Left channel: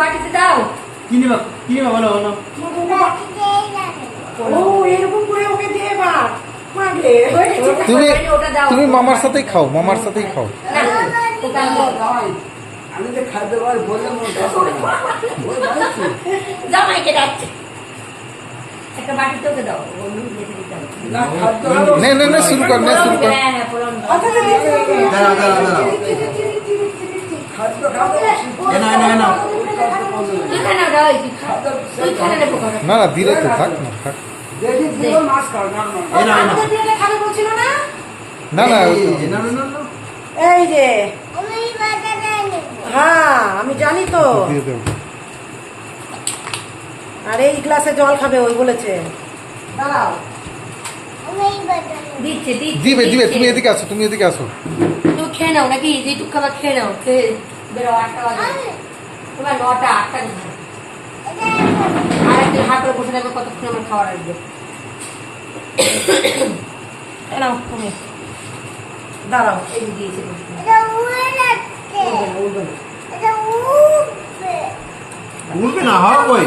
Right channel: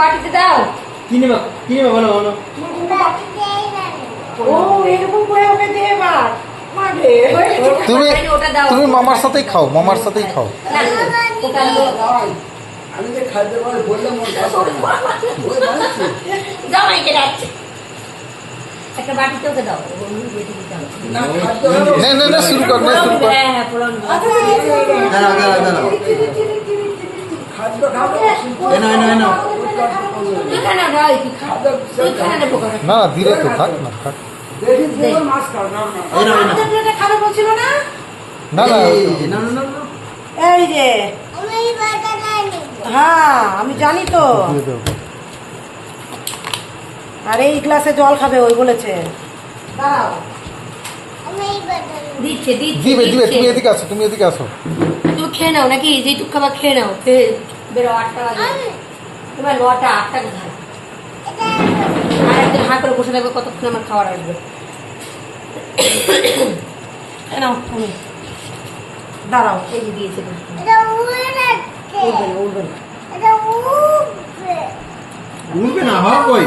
বাটিতে দাও। কি নিবা বলো বলো। ও এরকম করে ওকে দিয়ে এবার মাগে তুমি মামার সাথেই খাও, মামার সাথেই খাও। আমি যে খাদ্য বললাম জামাইকে ডাকছে একটা বাটিতে ওকে দাও। নে শুরু কর, নে শুরু কর। হ্যাঁ পুরন না না দিলে তো থাক না, থাক। খাবে বলছিল না? না না এই যে হ্যাঁ আমি জানি তো। দিয়ে দেবো। আর এই গ্লাসে জল খাবে ওই বলেছে। দাও দিচ্ছে দিবে দিবে, তুমি এদিকে আসো, তুমি এদিকে আসো। তুমি খেয়ে নাও নাকি? যেটুক খাবার খেয়ে নাও, খেয়ে বেরো। 8টা বাজে তোমার, 9টা 8টা কোথায়? আর একদিন হাঁ করে বসে থাকবে, কতক্ষণ আমার খাবার আসবে। নাও তুমি দাঁড়াও। এই যে দিয়েছে, উঠবে না, হ্যাঁ ওই